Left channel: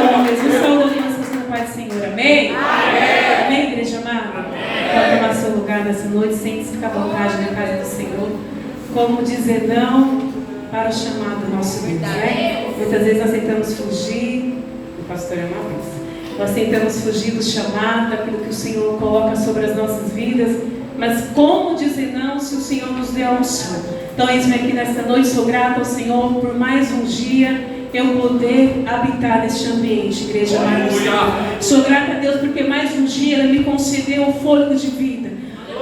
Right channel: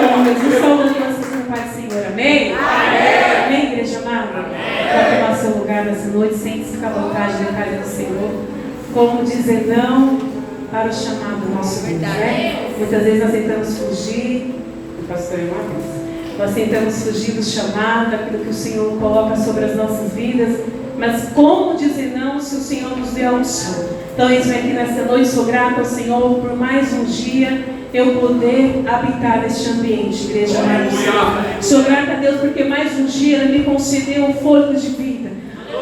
Jesus saúde vocês com a paz do Senhor. Amém? Amém. Amém, igreja amada? Pode tomar seu lugar nessa noite, sente-se à vontade na casa do Senhor. Como dizer não para o chamado do nosso Deus, né? Muitas vezes nós tentamos fugir, o pastor irmão, nós tentamos fugir do chamado, daquilo que o Senhor coloca sobre as nossas vidas, mas como dizer não se o Senhor nos deu a unção? Então, eis-me aqui nesta noite, sou grata ao Senhor por mais um dia eu poder habitar neste ambiente, igreja amada do Senhor. Sou grata a Deus porque mais um dia Ele me concedeu o fôlego de vida.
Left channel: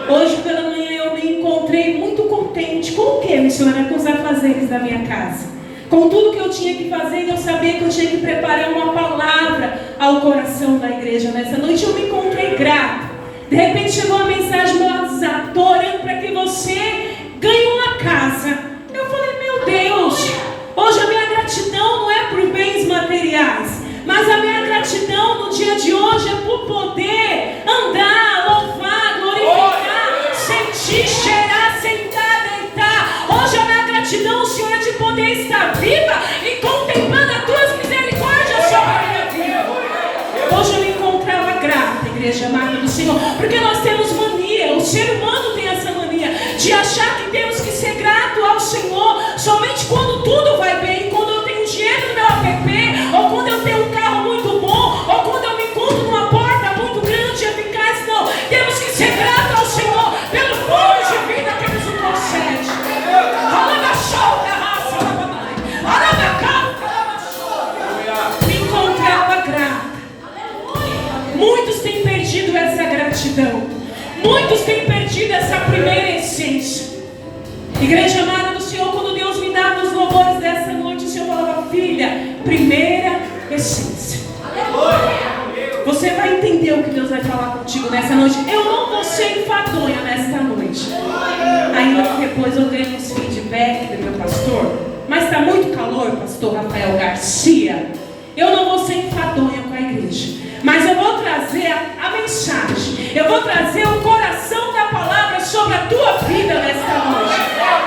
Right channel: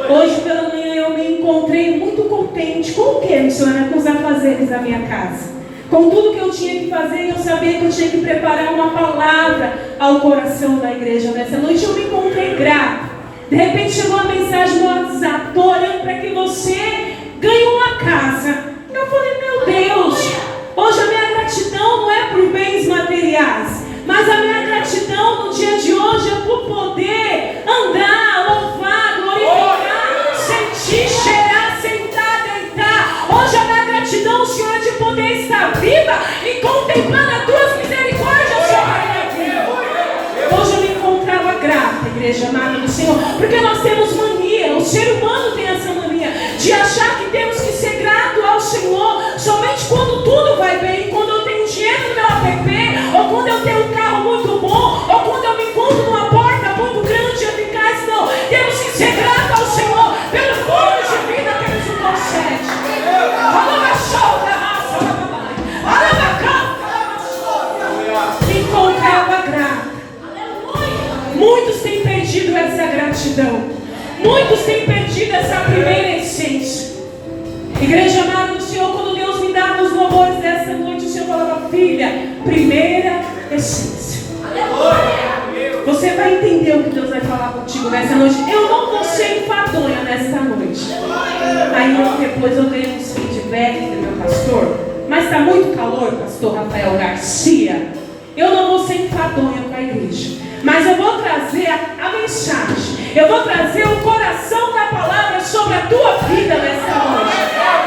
Hoje pela manhã eu me encontrei muito contente. Com o que, missionária? Com os afazeres da minha casa. Com tudo que eu tinha que fazer, eu sabia que eu tinha que preparar uma palavra ao coração da igreja. Nessa noite eu me encontrei grata. De repente chegou uma mensagem no WhatsApp: estou orando para que você ganhe uma casa. Eu falei, meu Deus, hoje a minha gratidão não é por bens materiais, mas a minha gratidão no dia de hoje é por poder andar, louvar, glorificar, sentir, cheirar, sentar, deitar. Hoje a minha gratidão, Senhor, é de poder estar viva e contemplando as tuas misericórdias sobre a minha vida. Hoje eu me encontrava grata, igreja amada do Senhor, porque nós temos mania, o ser humano tem essa mania de achar que temos que ser grato ao Senhor somente quando tudo vai bem, quando eu tenho dinheiro no meu app, ou quando eu tenho um carro muito bom, ou quando eu me encontro numa porta muito grande e eficaz. Não, temos que ser gratos ao Senhor pelo fôlego de vida que Ele nos concede. Me encontrava grata. Muitos têm perdido essa gratidão. Muitos têm perdido essa primeira essência. Igreja amada do Senhor, quando Deus me dava os louvores dessa noite, o Senhor falava: filha, primeira essência. Você vai entender o que Deus vai falar contigo nessa noite. Eu não vou ser enfadonha nesta noite. Aí depois eu dei uns feedback do meu pastor: mas está muito calor, pastor Rafael Garcia. Eu não vou ser enfadonha com a igreja, mas eu vou trazer a mensagem. Eu vou trazer o coração da palavra sobre a tua vida nesta noite.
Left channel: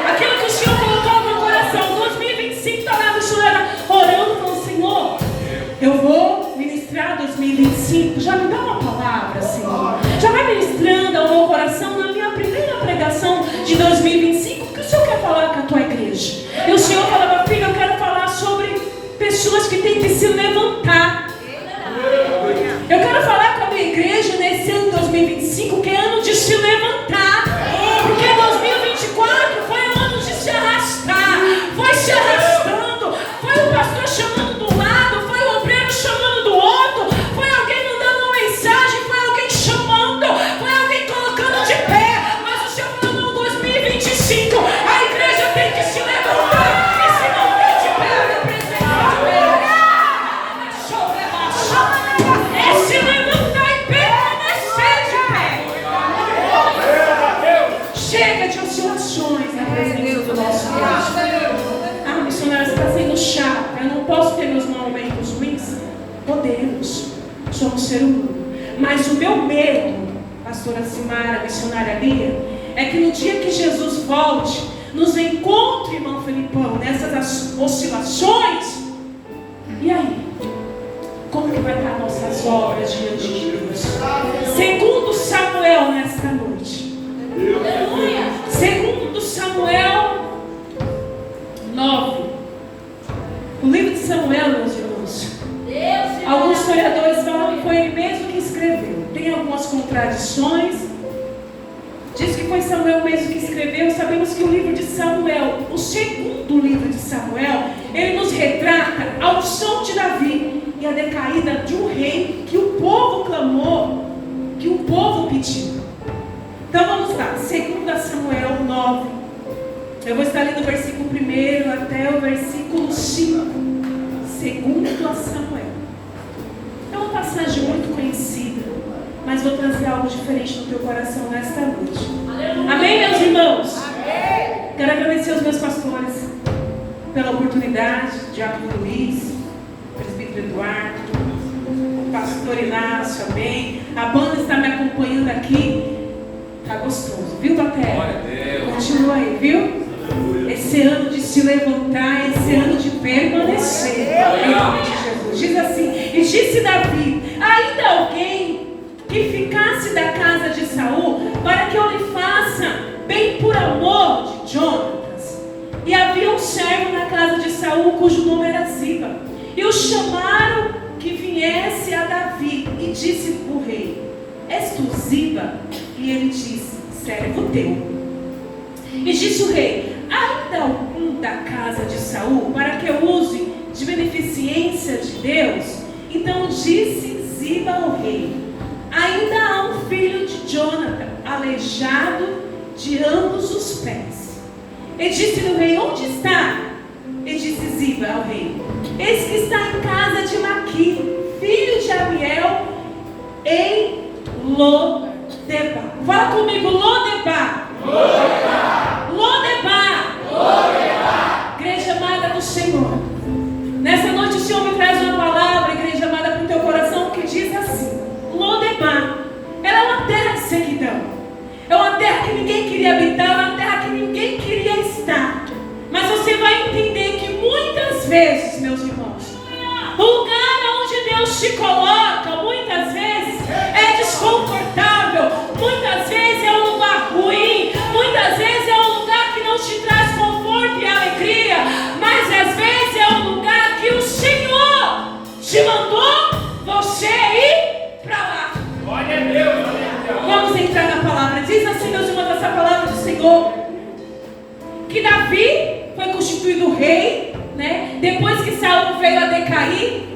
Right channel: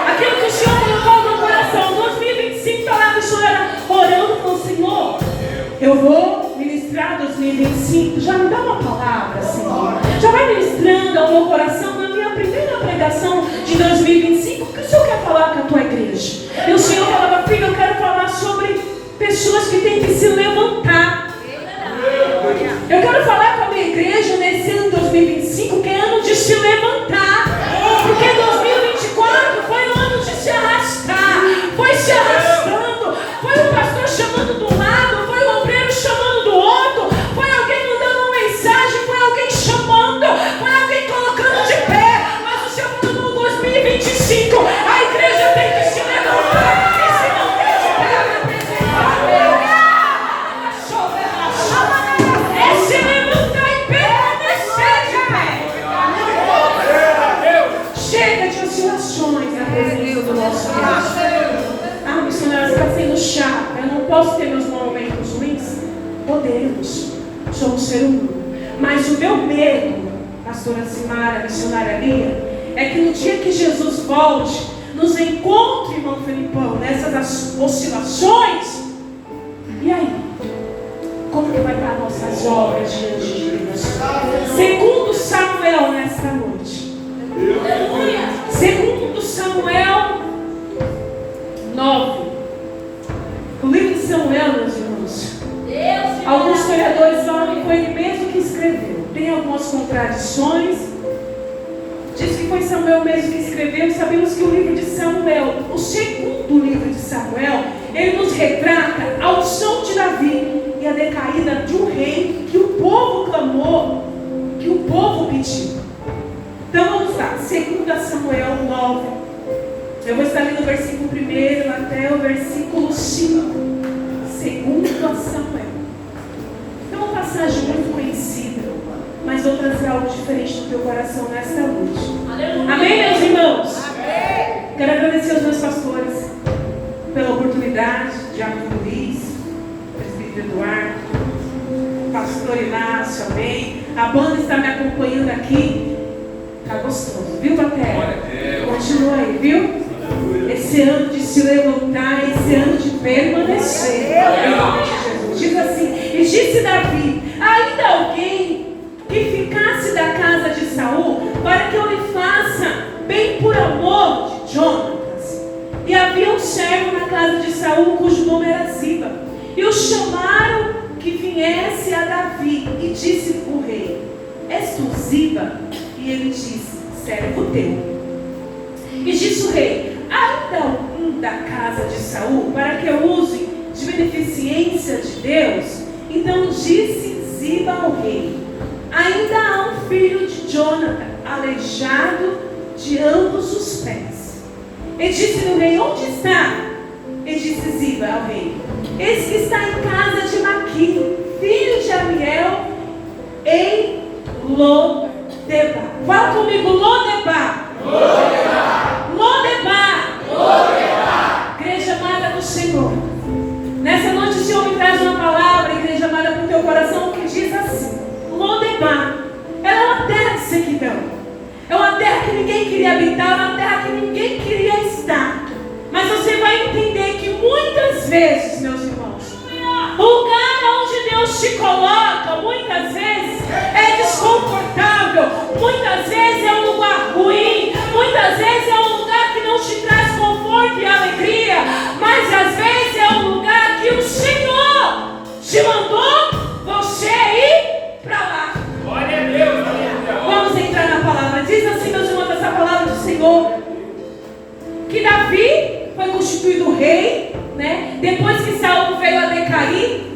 Aquilo que o Senhor colocou no meu coração. 2025 está lá, o Senhor era orando com o Senhor. Eu vou ministrar 2025. Já me dá uma palavra, Senhor. Já vai ministrando ao meu coração na minha primeira pregação de 2025. O que o Senhor quer falar com a tua igreja? E o Senhor falava: filho, eu quero falar sobre pessoas que têm que se levantar. Eu quero falar com a minha igreja nesse ano 2025, que é ano de se levantar. Porque 2024 foi um ano de se arrastar. Foi se arrastando. Foi o pastor chamando de um lado, foi o obreiro chamando do outro, foi alguém mandando uma mensagem, foi alguém chamando, foi alguém colocando de pé. Mas o Senhor falou: 2025, a igreja tem que se levantar. E se não tem de pé, é se levantar e permanecer de pé. Chega de oscilações na presença do nosso Deus. Ah, missionária, você está sendo chato. Eu não posso ter meus momentos ruins? Podemos. Somos ser humano. Mas o meu medo, pastora Simara, missionária Lia, é que no dia que Jesus volte, nos encontre, irmão Felipão, nessas oscilações. E aí? Como que vai estar nossas obras diante de Deus? Segundo Samuel nesta noite. Aleluia. Segundo Samuel 9. O livro de Samuel, meus irmãos, alguns historiadores falam que foi ele mesmo que escreveu. Tem algumas contradições. Diz que foi Samuel mesmo que escreveu. Sabemos que o livro de Samuel, o segundo livro de Samuel, ele nos retrata a unção de Davi e a decaída de um rei que o povo clamou, que o povo pediu. Então vamos lá, 2 Samuel 9. Eu vou estar lendo o versículo 1 até o versículo 5. 2 Samuel. É uma passagem muito conhecida, mas vou trazer algo diferente no teu coração nesta noite. Aleluia. Amém, meus irmãos? Amém. Quero agradecer aos meus pastores pela oportunidade, Diácono Luiz, Presbítero Eduardo, Pastor Inácio, amém. A banda está me acompanhando aqui. Está gostoso, viu, Patéria? Continua aí, viu? Esse ano de se levantar, esse ano de permanecer. Em nome de Jesus. Diz assim: e disse Davi: ainda alguém que ficasse da casa de Saul, para que eu lhe faça bem por amor de Jonatas. E havia um servo na casa de Saul, cujo nome era Ziba, e o chamaram que viesse a Davi, e disse o rei: és tu Ziba? E ele disse: servo teu. E disse o rei: ainda algum da casa de Saul, para que eu use de beneficência de Deus? Então disse Ziba ao rei: ainda há um filho de Jonathan, aleijado de ambos os pés. E disse-lhe o rei: onde está? E disse Ziba ao rei: eis que está em casa de Maqui, filho de Amiel, em Lodebar. Fala comigo: Lodebar. Lodebar. Lodebar. Lodebar. Igreja amada do Senhor, nessa noite o Senhor me traz uma palavra, igreja amada, para o teu coração, que diz assim: Lodebar, ela é uma terra de sequidão, é uma terra que ninguém queria habitar, é uma terra que ninguém queria estar. Mas você vai entender que muitas vezes, meus irmãos, o lugar onde Deus te coloca, muitas vezes é desconfortável, muitas vezes é um lugar ruim, muitas vezes é um lugar que não te traz conforto e alegria, mas às vezes é um lugar que o Senhor te mandou você ir para lá. Glória a Deus, aleluia. Vamos entrar na palavra. Diz assim, meus irmãos, essa palavra do Senhor, que Davi foi constituído rei, né? Depois que Saul veio a decair.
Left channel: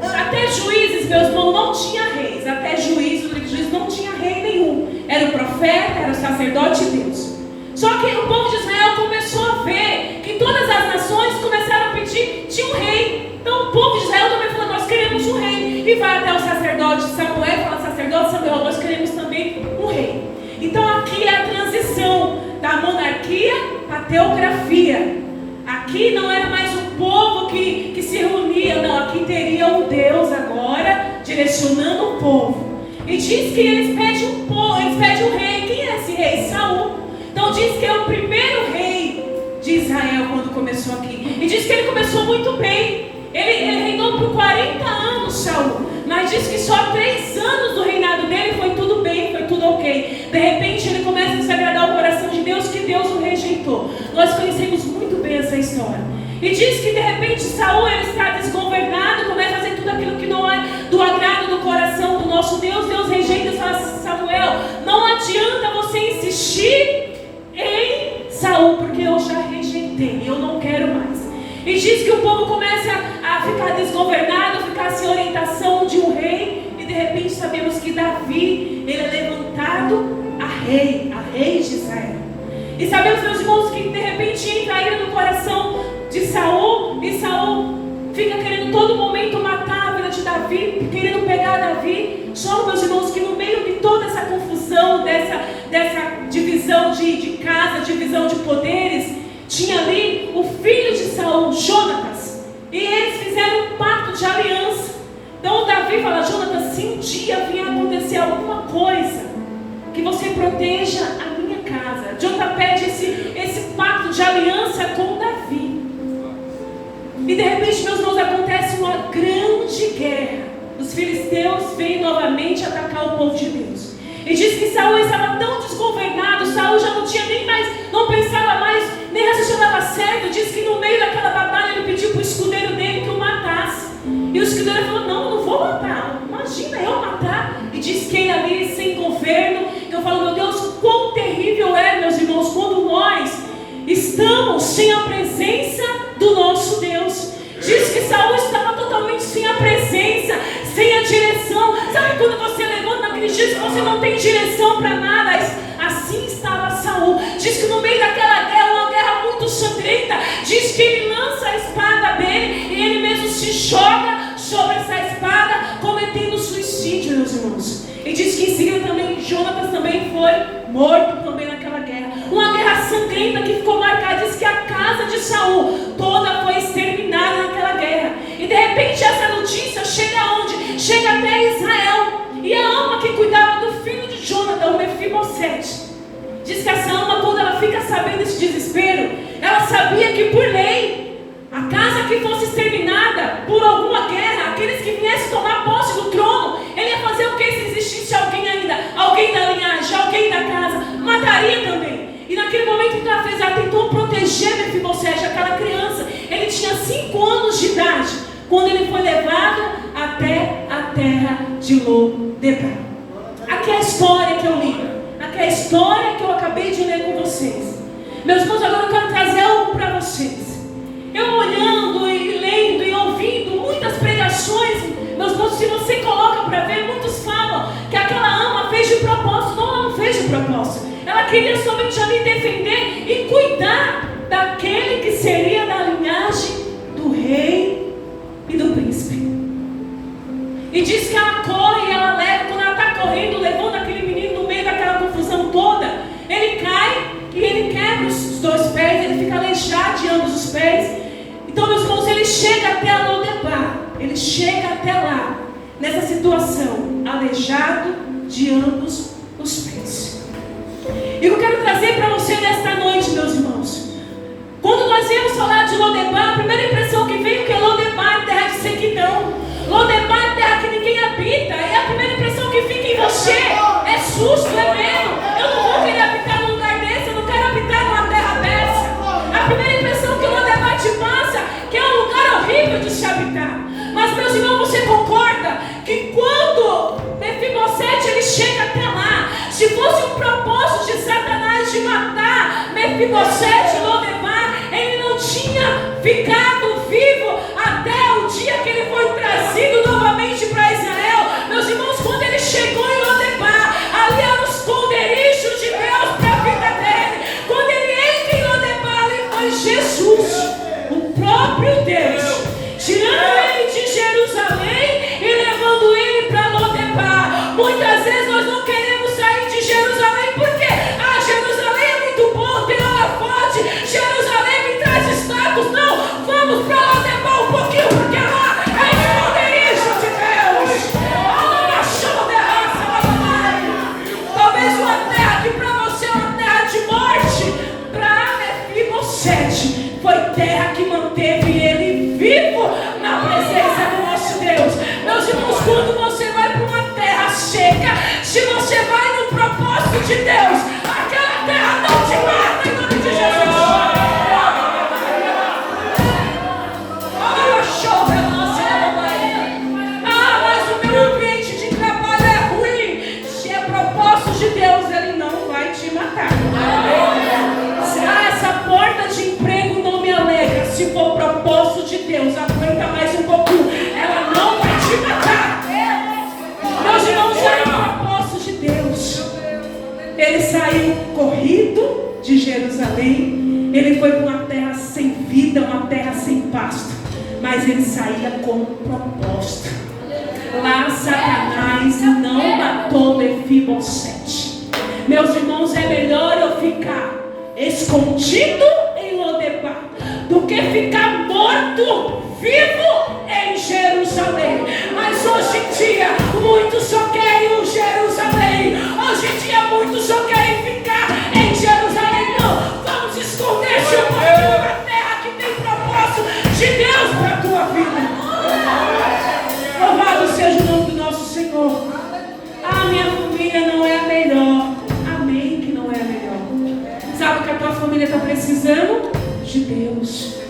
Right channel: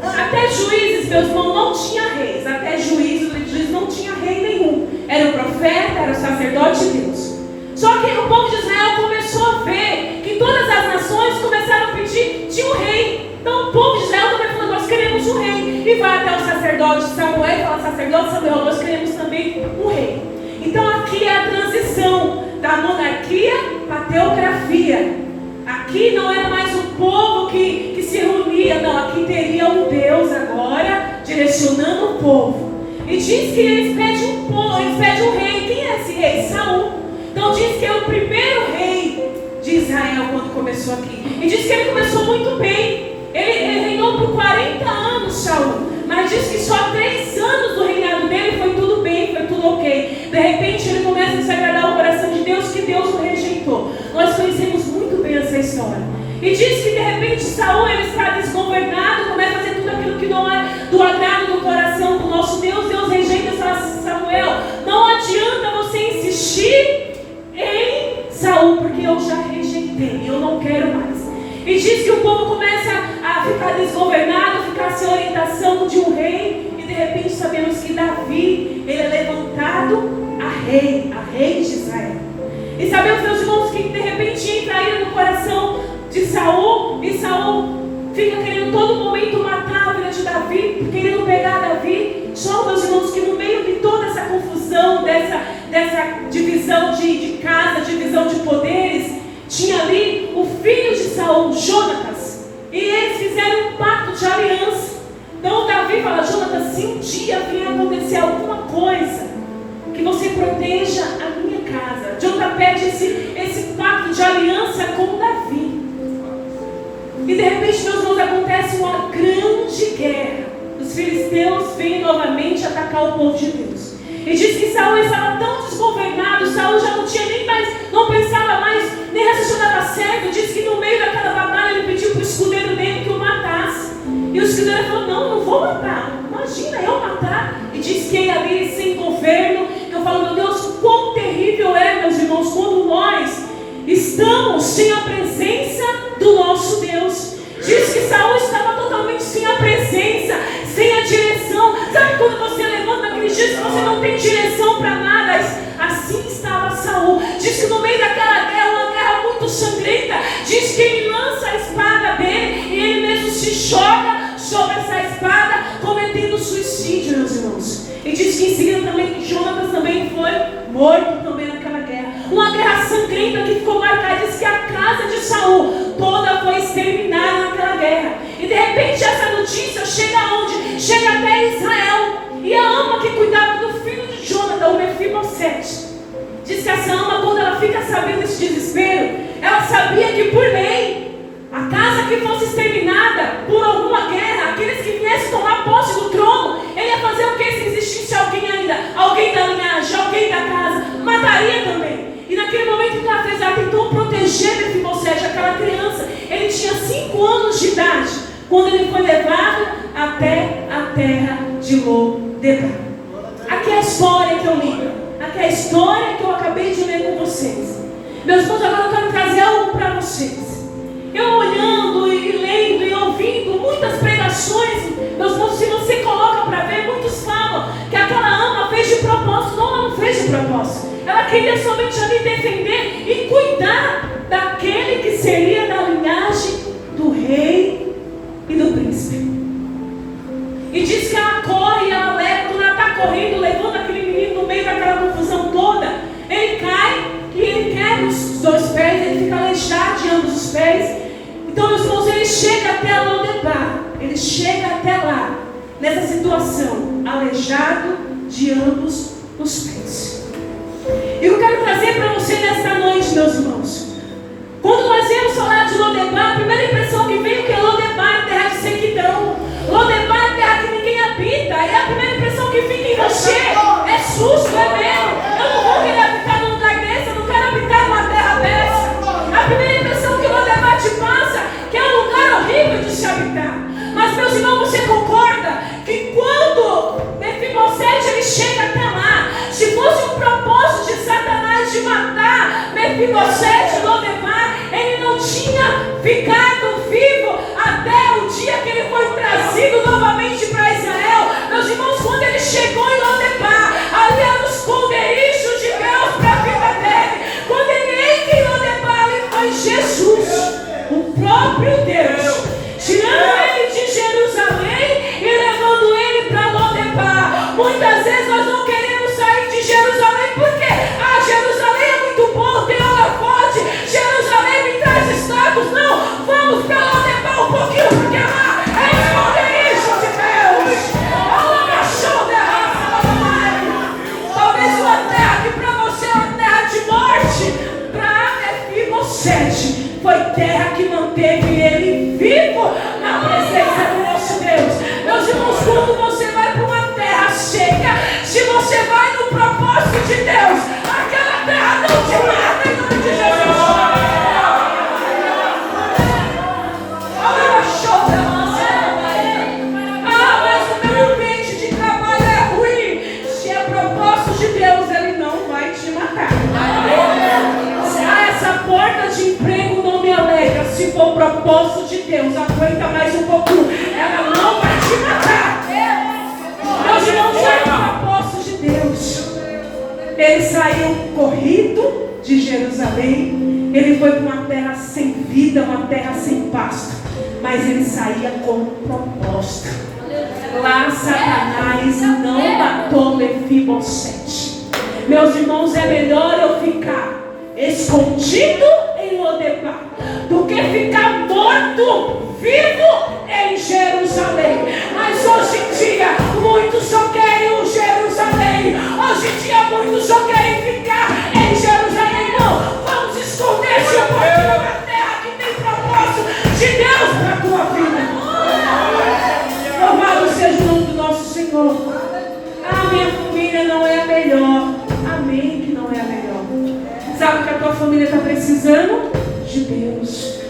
Até Juízes, meus irmãos, não tinha reis. Até Juízes não tinha rei nenhum. Era o profeta, era o sacerdote de Deus. Só que o povo de Israel começou a ver que todas as nações começaram a pedir, tinha um rei. Então o povo de Israel também falou: nós queremos um rei. E vai até o sacerdote Samuel e fala: sacerdote Samuel, nós queremos também um rei. Então aqui é a transição da monarquia à teocracia. Aqui não era mais um povo que se reunia, não. Aqui teria um Deus agora direcionando o povo. E diz que eles pedem um rei. Quem é esse rei? Saul. Então diz que é o primeiro rei de Israel quando começou aqui. E diz que ele começou muito bem. Ele reinou por 40 anos, Saul. Mas diz que só 3 anos do reinado dele foi tudo bem, foi tudo ok. De repente ele começa a desagradar o coração de Deus, que Deus o rejeitou. Nós conhecemos muito bem essa história. E diz que de repente Saul, ele está desgovernado, começa a fazer tudo aquilo que não é do agrado do coração do nosso Deus. Deus rejeita e fala: Samuel, não adianta você insistir em Saul, porque eu já rejeitei, eu não quero mais. E diz que o povo começa a ficar desgovernado, a ficar sem orientação de um rei. E de repente sabemos que Davi, ele é levantado a rei de Israel. E sabemos, meus irmãos, que de repente entra a ira no coração de Saul. E Saul fica querendo todo momento matar a vida de Davi, querendo pegar Davi. Só, meus irmãos, que no meio de toda essa confusão, dessa divisão de casa, divisão de poderes, tinha ali o filho de Saul, Jonatas. E eles fizeram um pacto de aliança. Então Davi fala: Jonatas, se um dia vier acontecer alguma coisa, que você proteja a minha casa. Jonatas pede esse pacto de aliança com Davi. E de repente, meus irmãos, acontece uma grande guerra. Os filisteus vêm novamente atacar o povo de Deus. E diz que Saul estava tão desgovernado, Saul já não tinha nem mais, não pensava mais, nem raciocinava certo. Diz que no meio daquela batalha ele pediu para o escudeiro dele que o matasse. E o escudeiro falou: não vou matar. Imagina eu matar. E diz que ele ali sem governo, que eu falo: meu Deus, quão terrível é, meus irmãos, quando nós estamos sem a presença do nosso Deus. Diz que Saul estava totalmente sem a presença, sem a direção. Sabe quando você levanta naqueles dias que você não tem direção para nada? Assim estava Saul. Diz que no meio daquela guerra, uma guerra muito sangrenta, diz que ele lança a espada dele e ele mesmo se joga sobre essa espada, cometendo suicídio, meus irmãos. E diz que em seguida também Jonatas também foi morto também naquela guerra. Uma guerra sangrenta que ficou marcada. Diz que a casa de Saul toda foi exterminada naquela guerra. E de repente essa notícia chega aonde? Chega até Israel. E a ama que cuidava do filho de Jonathan, o Mefibosete, diz que essa ama, quando ela fica sabendo desse desespero, ela sabia que por lei, a casa que fosse exterminada por alguma guerra, aqueles que viessem tomar posse naquele momento que ela fez, ela tentou proteger Mefibosete, aquela criança. Ele tinha 5 anos de idade quando ele foi levado até a terra de Lo-debar. Aqui é a história que eu li. Aqui é a história que eu acabei de ler com vocês. Meus irmãos, agora eu quero trazer algo para vocês. Eu olhando e lendo e ouvindo muitas pregações, meus irmãos, se você coloca para ver, muitos falam que aquela ama fez de propósito. Não, ela não fez de propósito. Ela queria somente ali defender e cuidar daquele que seria da linhagem do rei e do príncipe. E diz que ela corre e ela leva, quando ela está correndo, levando aquele menino no meio daquela confusão toda, ele cai e ele quebra os 2 pés, ele fica aleijado de ambos os pés. Então, meus irmãos, ele chega até Lo-debar, ele chega até lá, nessa situação, aleijado de ambos os pés. E eu quero trazer para você nesta noite, meus irmãos, quando nós viemos falar de Lo-debar, a primeira impressão que veio que Lo-debar é terra de sequidão, Lo-debar é terra que ninguém habita, e a primeira impressão que fica em você é susto, é medo. Eu não vou querer habitar num lugar desse, eu não quero habitar numa terra dessa. A primeira impressão que Lo-debar te passa, que é um lugar horrível de se habitar. Mas, meus irmãos, você concorda que quando Mefibosete ele chega até lá, se fosse um propósito de Satanás de matar Mefibosete, Lo-debar, ele não tinha ficado vivo até o dia que ele foi trazido novamente para Israel. Meus irmãos, quando ele chegou em Lo-debar, ali era o esconderijo de Deus para a vida dele. Quando ele entra em Lo-debar, ali foi Jesus, o próprio Deus, tirando ele de Jerusalém e levando ele para Lo-debar. Muitas vezes nós não queremos sair de Jerusalém porque Jerusalém é muito bom, tem hora forte, Jerusalém me traz status. Não, vamos para Lo-debar um pouquinho, porque lá é esconderijo de Deus. Talvez uma terra que para você é uma terra de morte, para Mefibosete foi terra que manteve ele vivo na presença do nosso Deus. Meus irmãos, quando você vai para uma terra seca, se você vai no propósito de Deus, aquela terra não te mata em nome de Jesus. Mas o meu ambiente de trabalho é ruim. Se é propósito de Deus, ele não vai te matar. Essa porta de emprego não me alegra. Se for propósito de Deus, aguenta mais um pouquinho. Ela não vai te matar. Meus irmãos, é o propósito de Deus. Ele saiu corrido de Jerusalém. Ele foi para uma terra sem vida, uma terra sem pasto. Mas ele saía com um propósito. Lá Satanás não matou Mefibosete. Meus irmãos, é melhor eu ficar escondido em Lo-debar do que ficar morto vivo em Jerusalém. Mas hoje em dia muitos só querem o Jerusalém. Hoje em dia muitos só querem ficar em Jerusalém. Não, vamos esconder-se um pouquinho na terra que tem propósito de Deus para a tua vida. Louvado seja o nome do nosso Senhor. Minha família não é a melhor. Amém, que não é a melhor. Sabe o que a tua família está precisando? De Deus.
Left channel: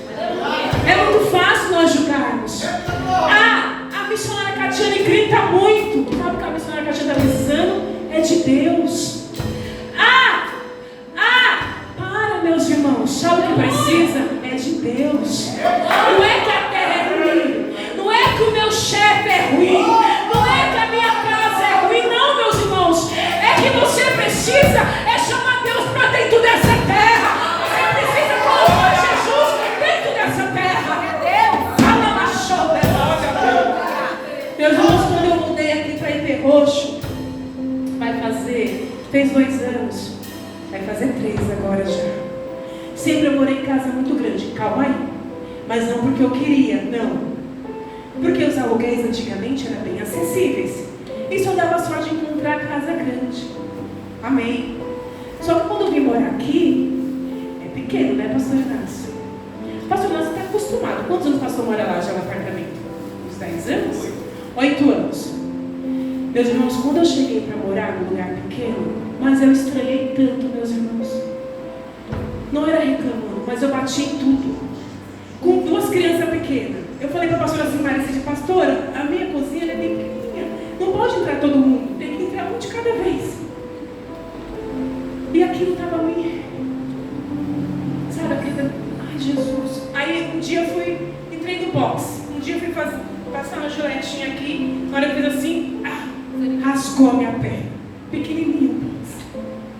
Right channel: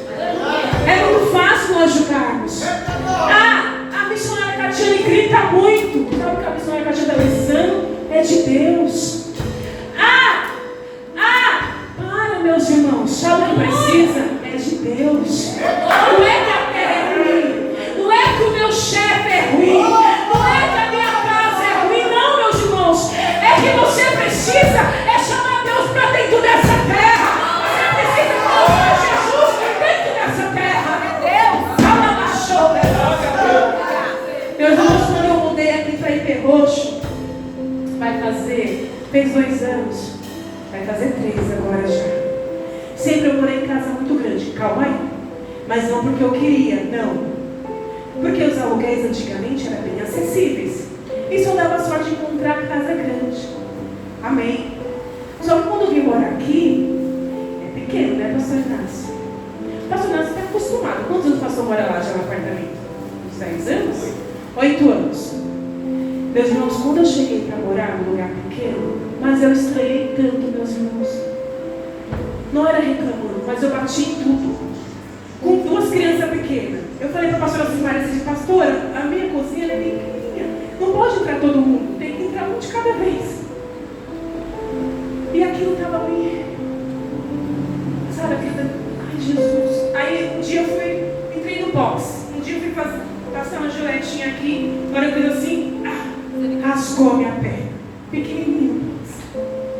É muito fácil nós julgarmos. A missionária Catiane grita muito. Sabe o que a missionária Catiane está precisando? É de Deus. Para, meus irmãos. Sabe o que precisa? É de Deus. Não é que a terra é ruim. Não é que o meu chefe é ruim. Não é que a minha casa é ruim. Não, meus irmãos. É que você precisa chamar Deus para dentro dessa terra. Você precisa colocar Jesus dentro dessa terra. Meus irmãos, quando eu mudei aqui para IP Roxo, fez 2 anos, vai fazer 3 agora já. Sempre eu morei em casa muito grande, calma aí. Mas não porque eu queria, não. Porque os aluguéis antigamente eram bem acessíveis. E só dava sorte de encontrar casa grande. Amém. Só que quando eu vim morar aqui, é pequeno, né, pastor Inácio? Pastor Inácio está acostumado. Quantos anos o pastor mora lá já no apartamento? Uns 10 anos? 8 anos. Meus irmãos, quando eu cheguei para morar num lugar pequeno, mas eu estranhei tanto, meus irmãos. Não era reclamando, mas eu bati em tudo. Com 2 crianças pequenas. Eu falei para a pastora Silmara assim, pastora, a minha cozinha é pequenininha. Não pode entrar todo mundo, tem que entrar um de cada vez. E aquilo estava me... Sabe, aquilo... Ai, Jesus. Aí um dia eu entrei no box. Um dia eu fui passar uma joletinha aqui. Na hora que eu fiz assim, rasgou a minha perna. Pequenininho.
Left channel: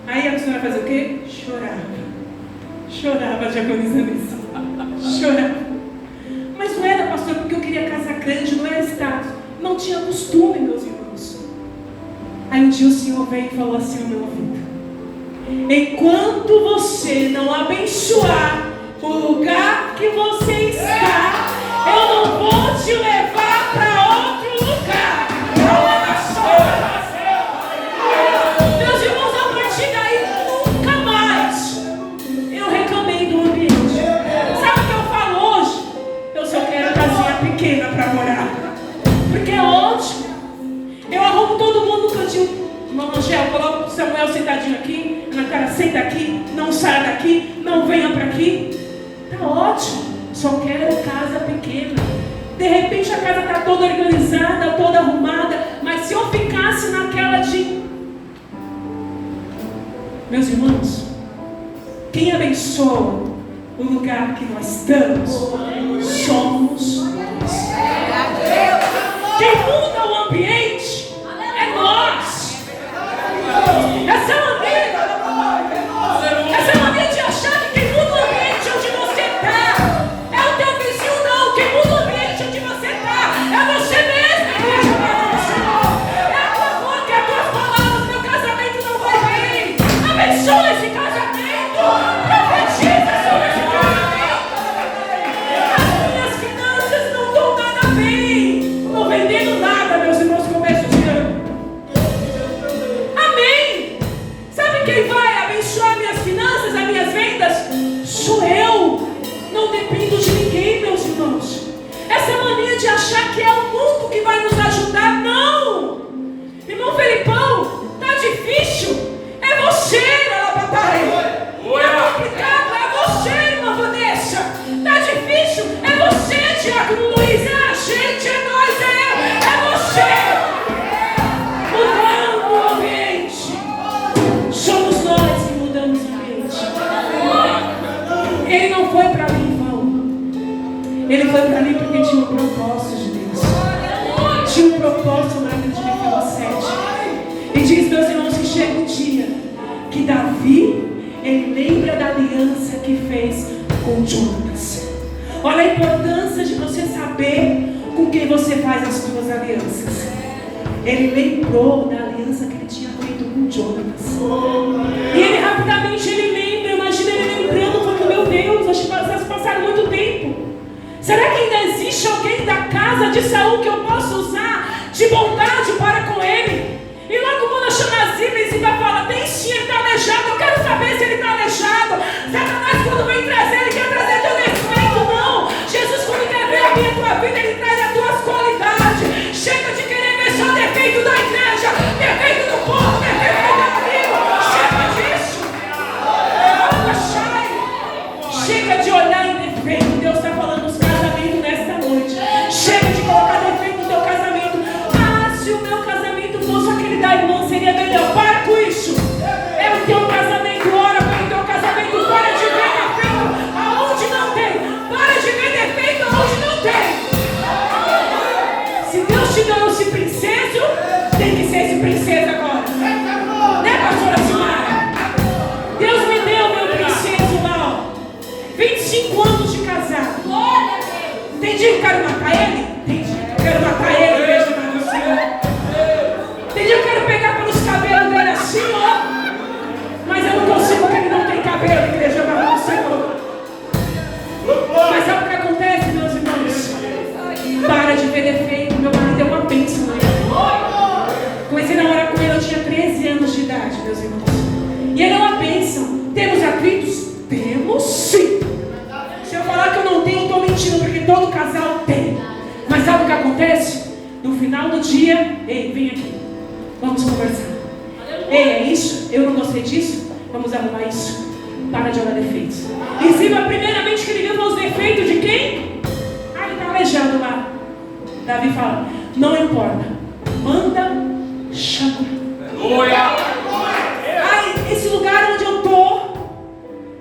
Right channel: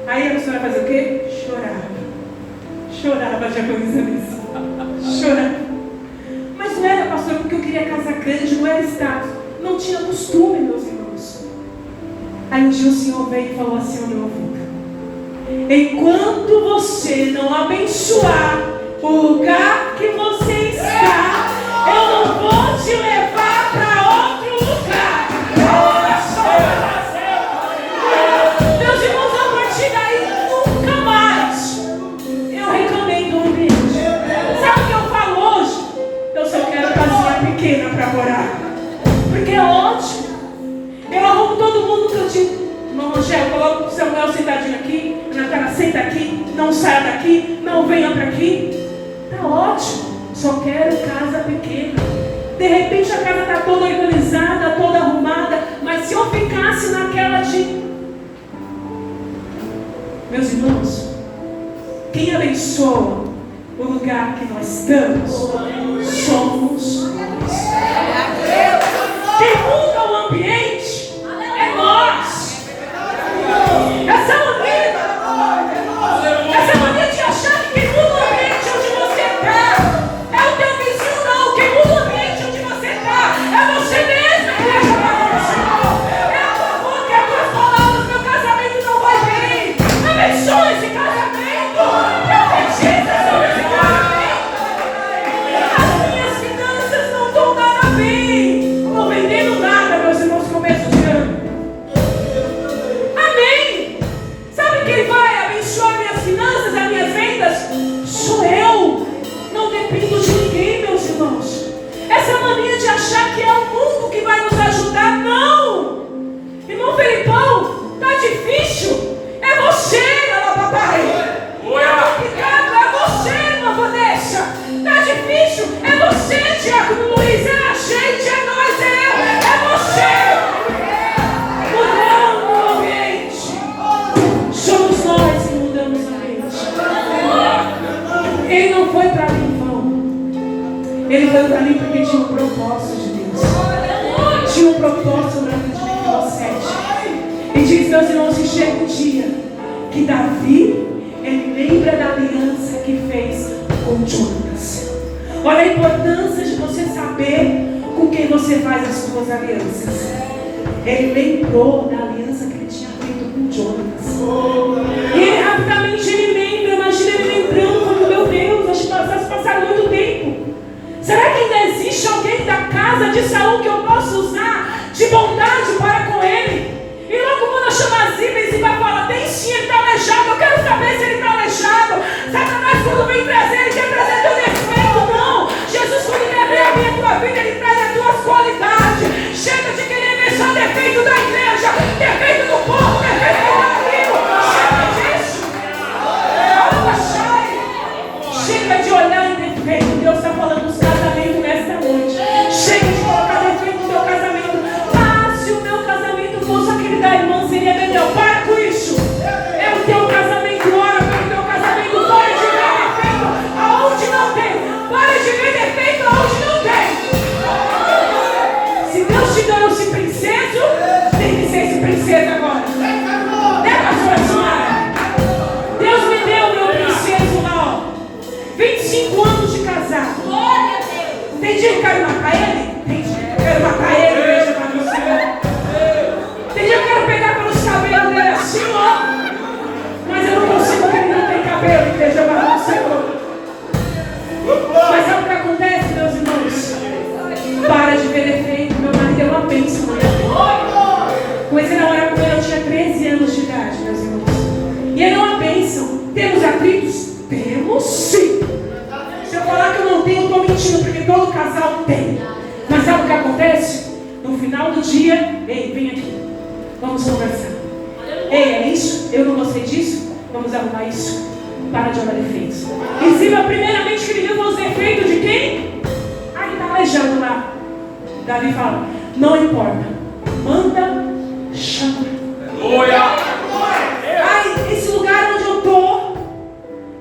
Aí a pessoa vai fazer o quê? Chorava de agonizamento. Chorava. Mas não era, pastor, porque eu queria casa grande, não era status. Não tinha costume, meus irmãos. Aí um dia o Senhor veio e falou assim ao meu ouvido: enquanto você não abençoar o lugar que você está, eu não vou te levar para outro lugar. Meus irmãos, a partir daí, nunca mais eu reclamei do ambiente. Sabe o que eu falo hoje? Eu só quero casinha pequena para morar, porque é ótimo. Eu arrumo todo mundo no cantinho. Irmão Angel, coloca o Samuel sentadinho aqui. Natália, senta aqui. Não saia daqui. Não venha para aqui. Tá ótimo. Só quero casa pequena. De repente a casa está toda organizada, toda arrumada. Mas se eu ficasse naquela de... Meus irmãos, quem abençoa o lugar que nós estamos somos nós. Quem muda o ambiente é nós. Essa mania de achar que quem muda o ambiente onde você está é o teu vizinho, não. Quem muda o ambiente onde você está é você mesmo, igreja. É a tua boca, é as tuas palavras. Meu casamento não vai bem. Abençoa esse casamento. Profetiza sobre esse casamento. As minhas finanças não estão nada bem. Não estou vendendo nada, meus irmãos, começo de ano. Amém. Sabe quem vai abençoar minhas finanças, as minhas vendas? Sou eu. Não dependo de ninguém, meus irmãos. Essa mania de achar que é o mundo que vai nos ajudar, não. Irmão Felipão, tá difícil? É você, papai. Tá complicado? É você, irmã Vanessa. Tá difícil? É você, Diácono Luiz. É a gente, é nós, é eu. É você. Mudando o ambiente. Somos nós que mudamos o ambiente. Ele não foi para mim, irmão. Ele foi para mim porque tinha um propósito de Deus. Tinha um propósito para mim de Miqueias 7. E diz, meus irmãos, que chega um dia que Davi, ele lembra da aliança que fez com Jonatas. Olha a importância de você saber com quem você faz as suas alianças. Ele lembrou da aliança que ele tinha feito com Jonatas. E ele rapidamente lembra. Imagina ele lembrando, porque meu Deus, acho que passaram muito tempo. Será que ainda existe alguém da casa de Saul que eu possa usar de bondade para com ele? E logo quando chama Ziba, Ziba fala: tem sim, ele está aleijado. Eu quero saber se ele está aleijado. Satanás, quando vem trazer, ele quer trazer teu defeito. Não. Jesus, quando quer ver a minha tua vida, ele traz as tuas qualidades. Chega de querer ver só defeito da igreja, defeito do povo, defeito do amigo. Chega disso. Chega de olhar em defeito. Deus está falando nos casamentos nesta noite. Chega de colocar defeito no teu casamento. Ah, se o meu casamento fosse aquele da irmã, seria melhor. Para com isso. É o teu casamento. Ora pelo teu casamento. Para de ver defeito aonde não tem. Para de ver defeito aonde não tem. Se Deus te deu esse princeso, tem que ser esse princeso agora. Né, pastora Silmara? Deus me deu meu princeso lá, ó. 25 anos de casado. Glória a Deus. Entendi, eu quero matar ele? Entendi, eu quero matar ele, igreja para o Senhor. Entendi, eu quero pegar pelos cabelos dele assim, ó. Mas eu não consigo porque ele não tem cabelo, igreja para o Senhor. Mas sabe o que acontece, meus irmãos? Para de ver defeito. Meu marido é uma bênção, né? Comecei a namorar com ele, eu tinha 13 anos de idade, meus irmãos. E ele é uma bênção. Temos atritos? Temos sim. Se eu falar que eu não tenho, eu estou mentindo, porque todo casal tem. Mas sabe o que acontece? No final do dia, ei, vem aqui. Vamos conversar. Ei, é isso? Eu não gostei disso? Vamos arrumar isso. para de olhar defeitos. Exiba primeiramente que ele viu os defeitos de quem? Ah, ele está aleijado lá. Davi fala, não importa, manda, chama. Ai, esse lugar onde eu estou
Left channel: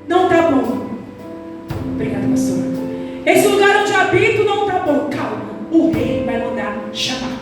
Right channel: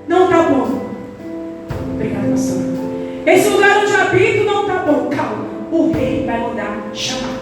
não está bom. Obrigada, pastor. Esse lugar onde eu habito não está bom. Calma, o rei vai mandar chamar.